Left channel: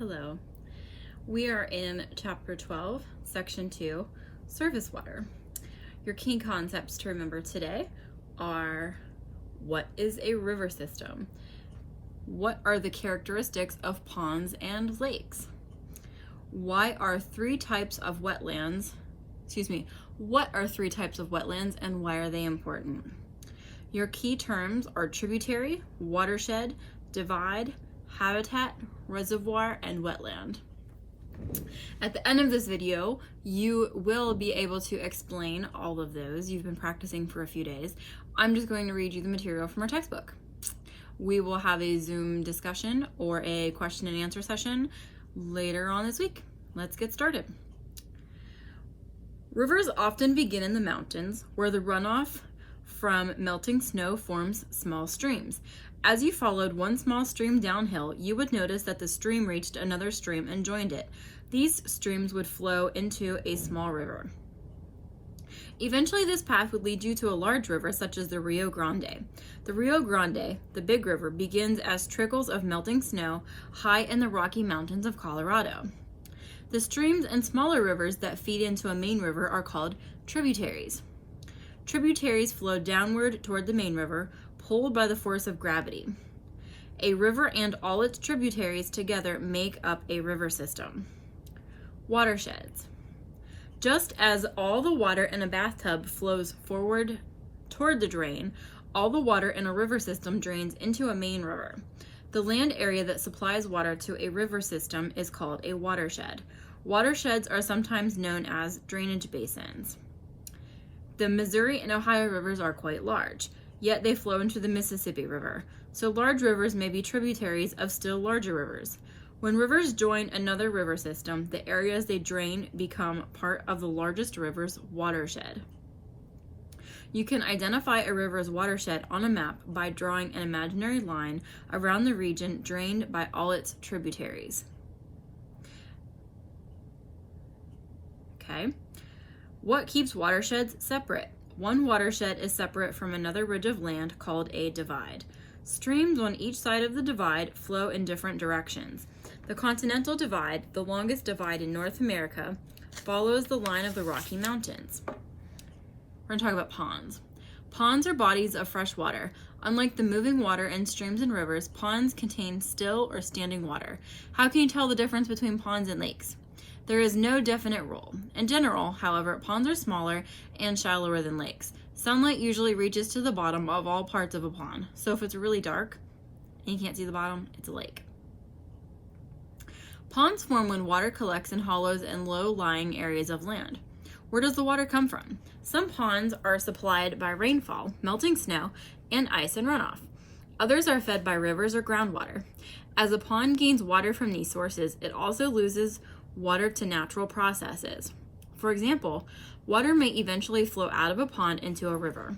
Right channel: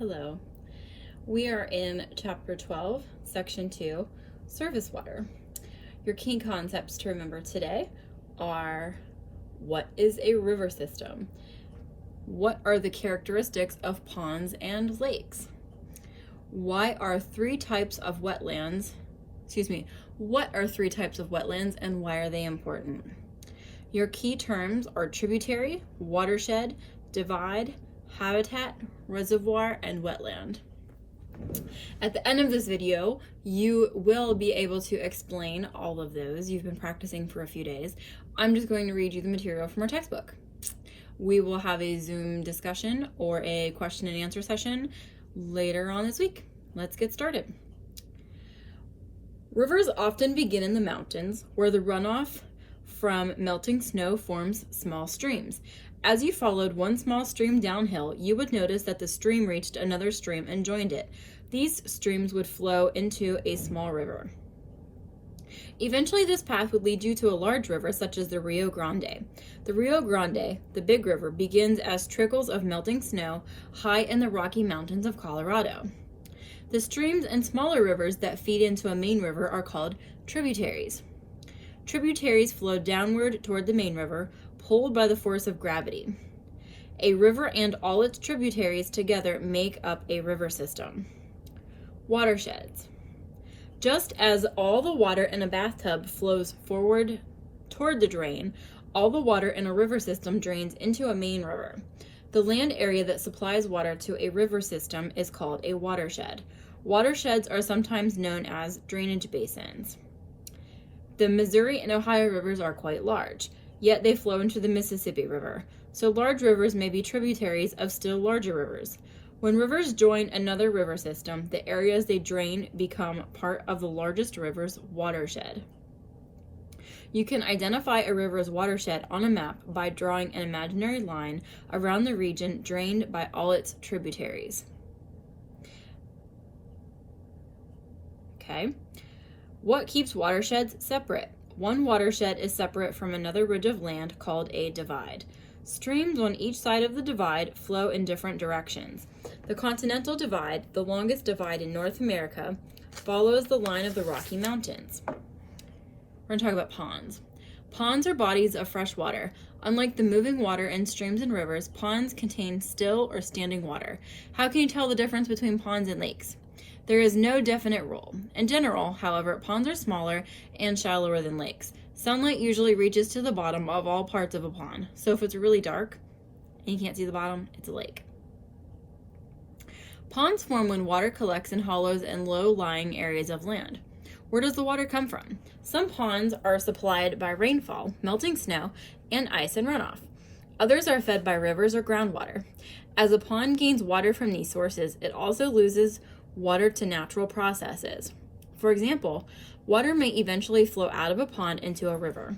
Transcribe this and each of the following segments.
Hello. We are in Chapter 12, Section 2, Surface Water. Your key concepts to remember today are: what is a river system? What are the characteristics of ponds and lakes? What are three types of wetlands and why are they important? Your key terms are tributary, watershed, divide, habitat, reservoir, and wetland. At the end of this video, you will be able to explain all of those. You've been practicing for a few days. I'm just going to read you the material from our textbook. We will have a Zoom discussion or a question and answer session later on this week. Let's get started. Rivers often begin in the mountains, where the runoff from melting snow forms small streams. As you followed one small stream downhill, you would notice that the stream reached another stream and joined it. These streams would flow into a small river. Eventually, this path would lead you to a large river, such as the Rio Grande. The Rio Grande, the big river, begins as trickles of melting snow high in the Rocky Mountains of Colorado. The streams and smaller rivers that feed into a main river are called tributaries. Tributaries flow downward toward the main river, pulled by the force of gravity. A river and all its tributaries together make up a river system. Watersheds. Just as all the water in a bathtub flows forward toward the drain, all the water in a river system drains into a main river. The land area that supplies water to a river system is called a watershed. Watersheds are sometimes known as drainage basins. The Missouri and Ohio rivers are quite large, yet they flow into the Mississippi River, so large rivers may be tributaries of still larger rivers. When rivers join another river system, the areas they drain become part of the largest river's watershed. You can identify a river's watershed on a map by drawing an imaginary line around the region drained by all its tributaries. Okay. What keeps watersheds separate? One watershed is separate from another ridge of land called a divide. Streams on each side of the divide flow in different directions. The Continental Divide, the longest divide in North America, follows the line of the Rocky Mountains. We're going to talk about ponds. Ponds are bodies of fresh water. Unlike the moving water in streams and rivers, ponds contain still or standing water. How can you tell the difference between ponds and lakes? There is no definite rule. In general, however, ponds are smaller and shallower than lakes. Sunlight usually reaches to the bottom of all parts of a pond. So if it's really dark and you can't see the bottom, it's a lake. Ponds form when water collects in hollows and low-lying areas of land. Where does the water come from? Some ponds are supplied by rainfall, melting snow, and ice and runoff. Others are fed by rivers or groundwater. As a pond gains water from these sources, it also loses water to natural processes. For example, water may eventually flow out of a pond into a river.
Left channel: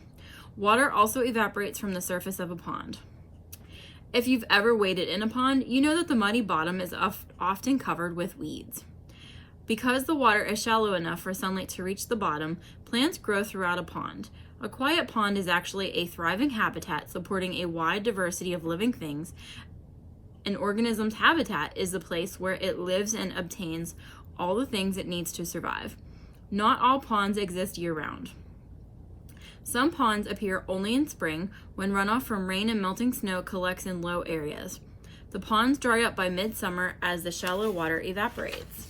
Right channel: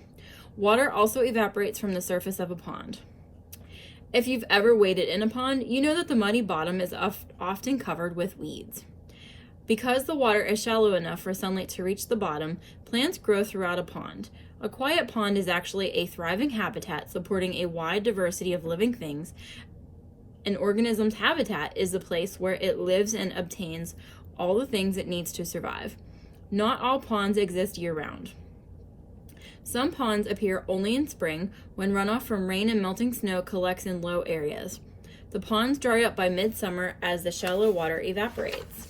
Water also evaporates from the surface of a pond. If you've ever waded in a pond, you know that the muddy bottom is often covered with weeds. Because the water is shallow enough for sunlight to reach the bottom, plants grow throughout a pond. A quiet pond is actually a thriving habitat supporting a wide diversity of living things. An organism's habitat is the place where it lives and obtains all the things it needs to survive. Not all ponds exist year-round. Some ponds appear only in spring, when runoff from rain and melting snow collects in low areas. The ponds dry up by midsummer as the shallow water evaporates.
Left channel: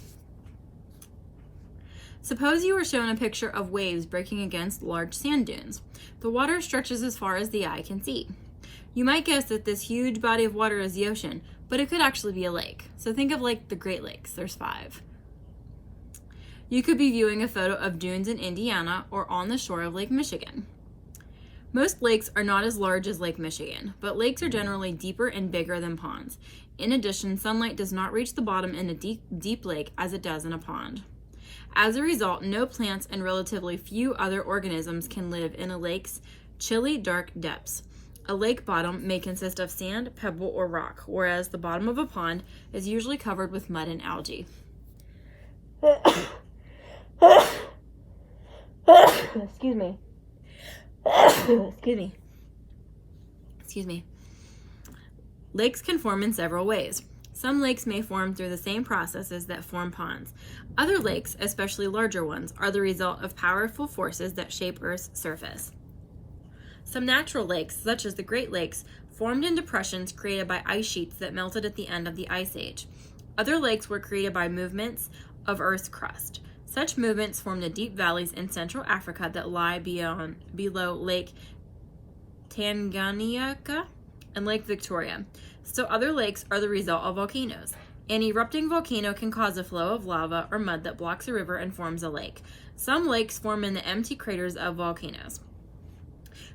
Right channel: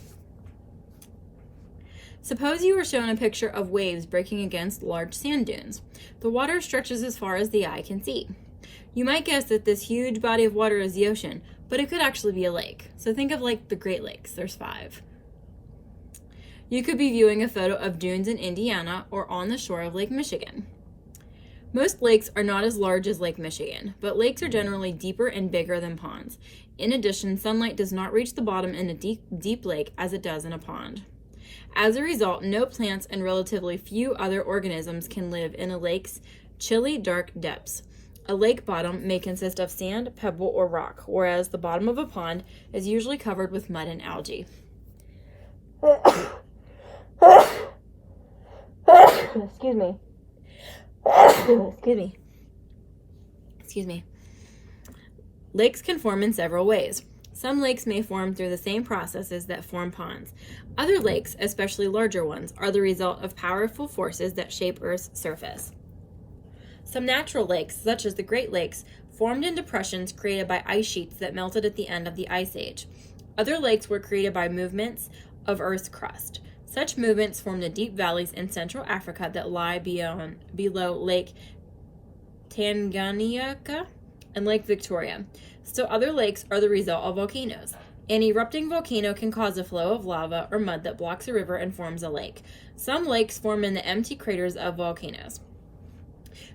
Suppose you were shown a picture of waves breaking against large sand dunes. The water stretches as far as the eye can see. You might guess that this huge body of water is the ocean, but it could actually be a lake. So think of like the Great Lakes. There's 5. You could be viewing a photo of dunes in Indiana or on the shore of Lake Michigan. Most lakes are not as large as Lake Michigan, but lakes are generally deeper and bigger than ponds. In addition, sunlight does not reach the bottom in a deep lake as it does in a pond. As a result, no plants and relatively few other organisms can live in a lake's chilly, dark depths. A lake bottom may consist of sand, pebble, or rock, whereas the bottom of a pond is usually covered with mud and algae. Excuse me. Excuse me. Lakes can form in several ways. Some lakes may form through the same processes that form ponds. Other lakes, especially larger ones, are the result of powerful forces that shape Earth's surface. Some natural lakes, such as the Great Lakes, formed in depressions created by ice sheets that melted at the end of the Ice Age. Other lakes were created by movements of Earth's crust. Such movements formed the deep valleys in Central Africa that lie below Lake Tanganyika and Lake Victoria. So other lakes are the result of volcanoes. An erupting volcano can cause a flow of lava or mud that blocks a river and forms a lake. Some lakes form in the empty craters of volcanoes.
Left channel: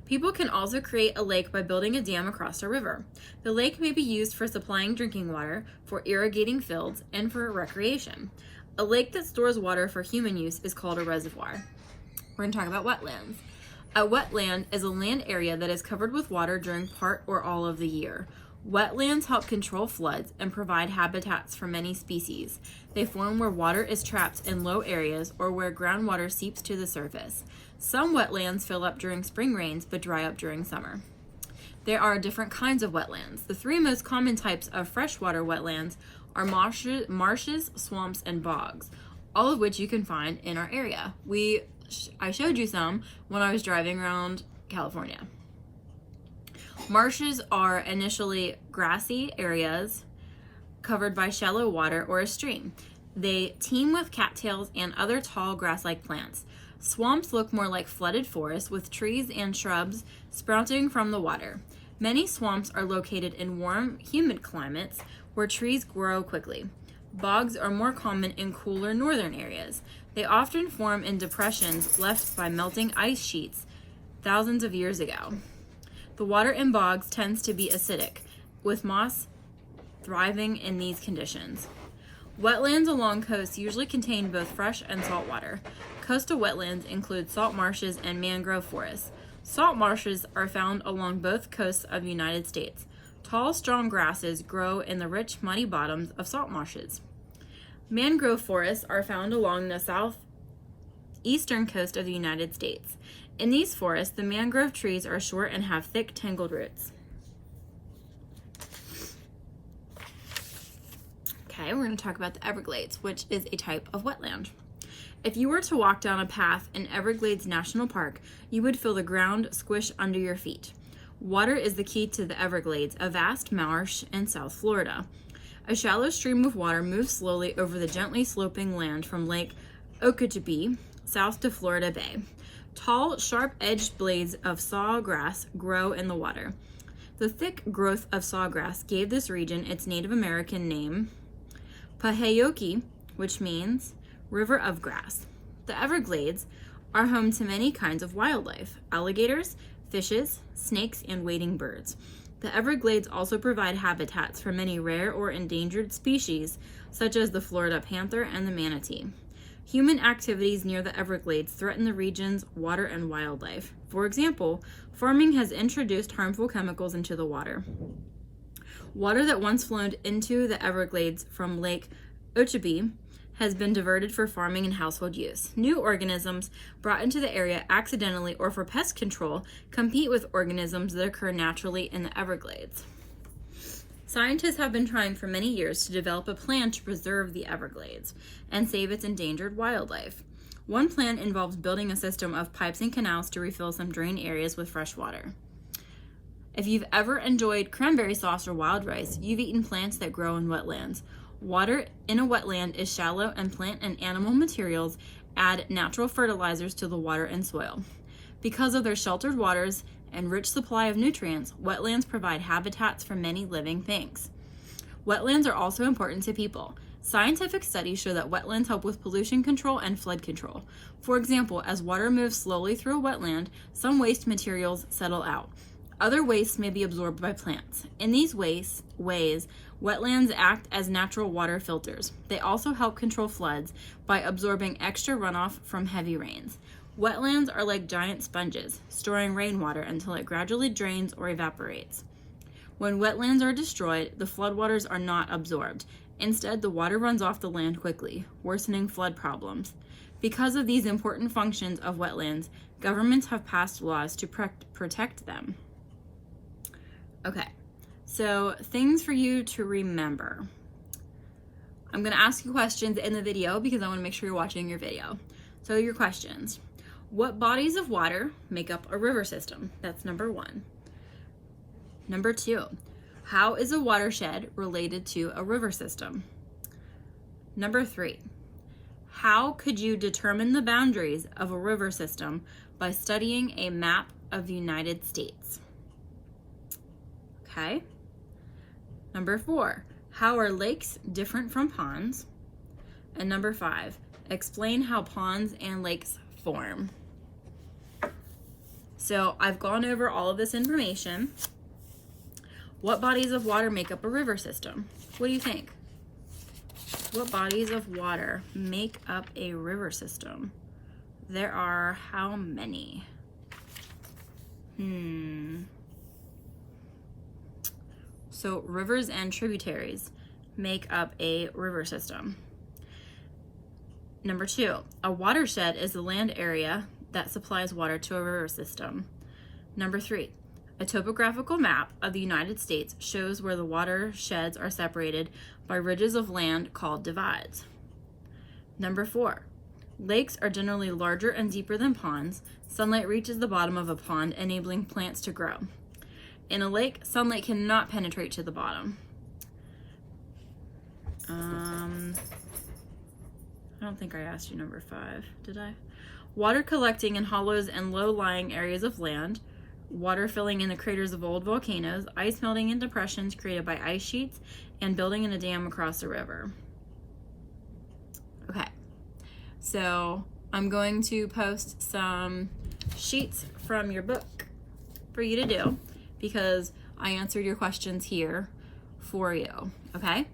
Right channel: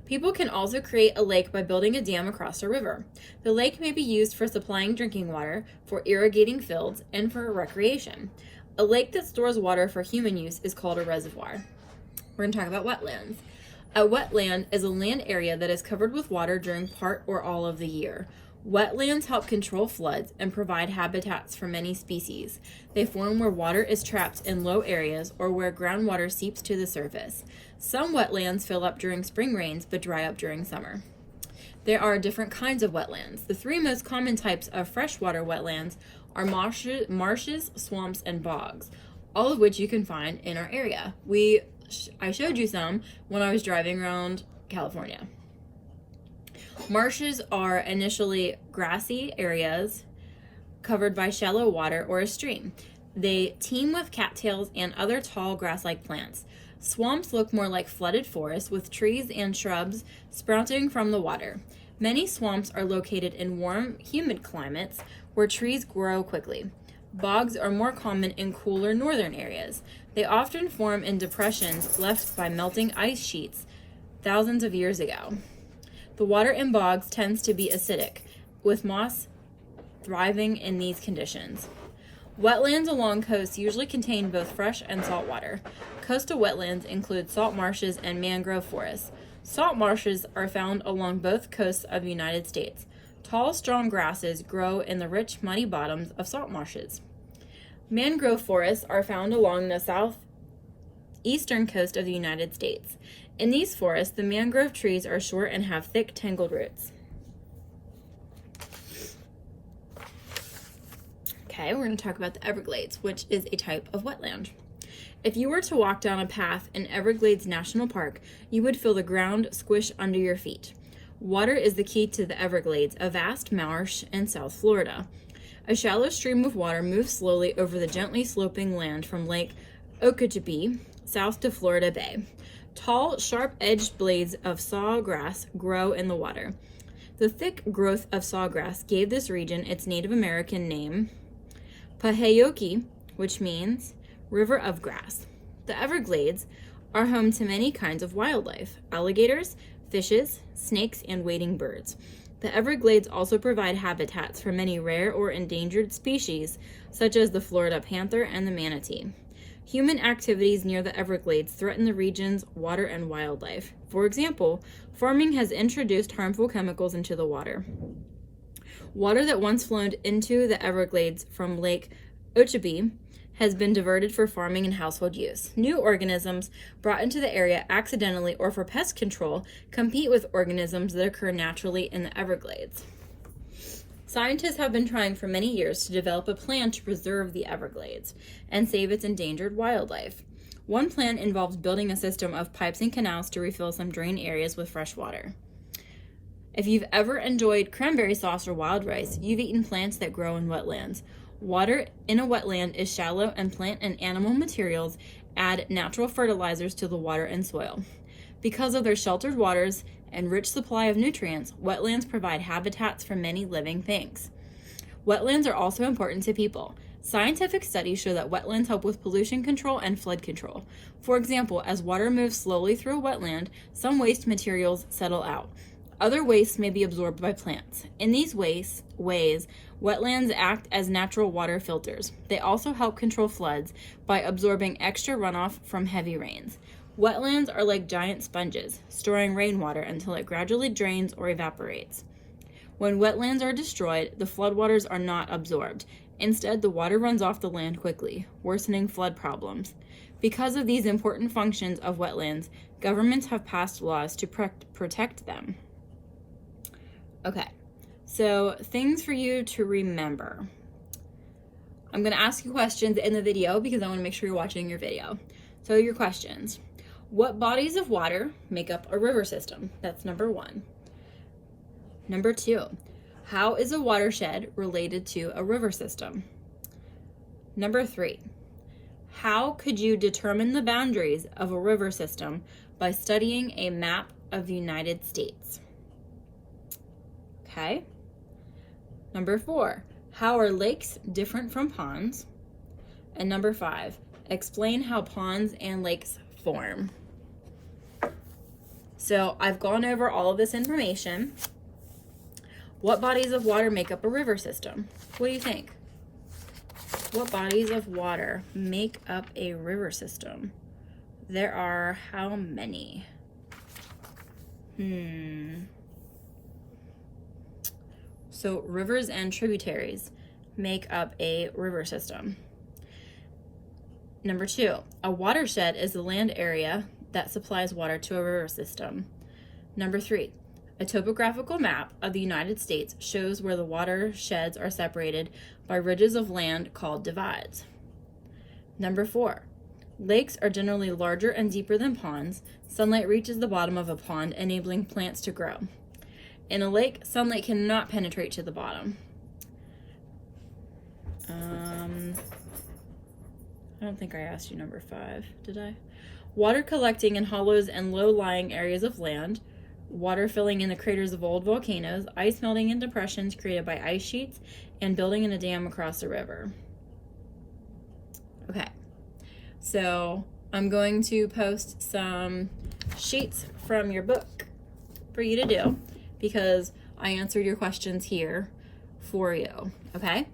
People can also create a lake by building a dam across a river. The lake may be used for supplying drinking water, for irrigating fields, and for recreation. A lake that stores water for human use is called a reservoir. We're going to talk about wetlands. A wetland is a land area that is covered with water during part or all of the year. Wetlands help control floods and provide habitats for many species. They form where water is trapped in low areas or where groundwater seeps to the surface. Some wetlands fill up during spring rains but dry up during summer. There are different kinds of wetlands. The three most common types of freshwater wetlands are marshes, swamps, and bogs, all of which you can find in our area. I showed you some when I was driving around California. Marshes are initially grassy areas covered by shallow water or a stream. They teem with cattails and other tall grass-like plants. Swamps look more like flooded forests with trees and shrubs sprouting from the water. Many swamps are located in warm, humid climates where trees grow quickly. Bogs are more common in cooler northern areas. They often form in depressions left by melting ice sheets thousands of years ago. The water in bogs tends to be acidic, with moss thriving in these conditions. Wetlands along coasts usually contain both fresh and salt water. Coastal wetlands include salt marshes and mangrove forests. Salt marshes are found along both coasts of the United States. Tall, strong grasses grow in the rich, muddy bottoms of salt marshes. Mangrove forests are found along the southeastern coast of the United States. In these forests, the mangrove trees are short and have thick, tangled roots. Okay, we're going to talk about the Everglades, which is a type of wetland. If you were to walk down a path in Everglades National Park, you would feel the ground squish under your feet. Water is the key to the Everglades, a vast marsh in South Florida. A shallow stream of water moves slowly over the gently sloping land from Lake Okeechobee south to Florida Bay. Tall, sharp-edged blades of sawgrass grow in the water. The thick growth of sawgrass gave this region its Native American name, Pahayoki, which means river of grass. The Everglades are home to many kinds of wildlife: alligators, fishes, snakes, and wading birds. The Everglades also provide habitats for many rare or endangered species, such as the Florida panther and the manatee. Human activities near the Everglades threaten the region's water and wildlife. For example, farming has introduced harmful chemicals into the water. Water that once flowed into the Everglades from Lake Okeechobee has been diverted for farming and household use. New organisms brought into the area accidentally or for pest control compete with organisms that occur naturally in the Everglades. Scientists have been trying for many years to develop a plan to preserve the Everglades and save its endangered wildlife. One plan involves building a system of pipes and canals to refill some drain areas with fresh water. If you've ever enjoyed cranberry sauce or wild rice, you've eaten plants that grow in wetlands. Water in a wetland is shallow, and plant and animal materials add natural fertilizers to the water and soil. Because of their sheltered waters and rich supply of nutrients, wetlands provide habitats for many living things. Wetlands are also important to people. Scientific studies show that wetlands help with pollution control and flood control. For example, as water moves slowly through a wetland, some waste materials settle out. Other wastes may be absorbed by plants. In these ways, wetlands act as natural water filters. They also help control floods by absorbing extra runoff from heavy rains. Wetlands are like giant sponges, storing rainwater until it gradually drains or evaporates. When wetlands are destroyed, the floodwaters are not absorbed. Instead, the water runs off the land quickly, worsening flood problems. Because of these important functions of wetlands, governments have passed laws to protect them. Okay, so things for you to remember. I'm going to ask you questions in the video because I want to make sure you're watching your video. So your questions. What bodies of water make up a river system? That's number 1. Number 2, how is a watershed related to a river system? Number 3, how could you determine the boundaries of a river system by studying a map of the United States? Okay. Number 4, how are lakes different from ponds? And number 5, explain how ponds and lakes form. So I've gone over all of this information. What bodies of water make up a river system? What do you think? What bodies of water make up a river system? There are how many? So rivers and tributaries make up a river system. Number 2, a watershed is the land area that supplies water to a river system. Number 3, a topographical map of the United States shows where the watersheds are separated by ridges of land called divides. Number 4, lakes are generally larger and deeper than ponds. Sunlight reaches the bottom of a pond, enabling plants to grow. In a lake, sunlight cannot penetrate to the bottom. I don't think I asked you number 5, did I? Water collecting in hollows and low-lying areas of land, water filling in the craters of old volcanoes, ice melting in depressions created by ice sheets, and building in a dam across a river. Okay, so I'm going to post some sheets from your book for you to do because I answered your questions here for you, okay?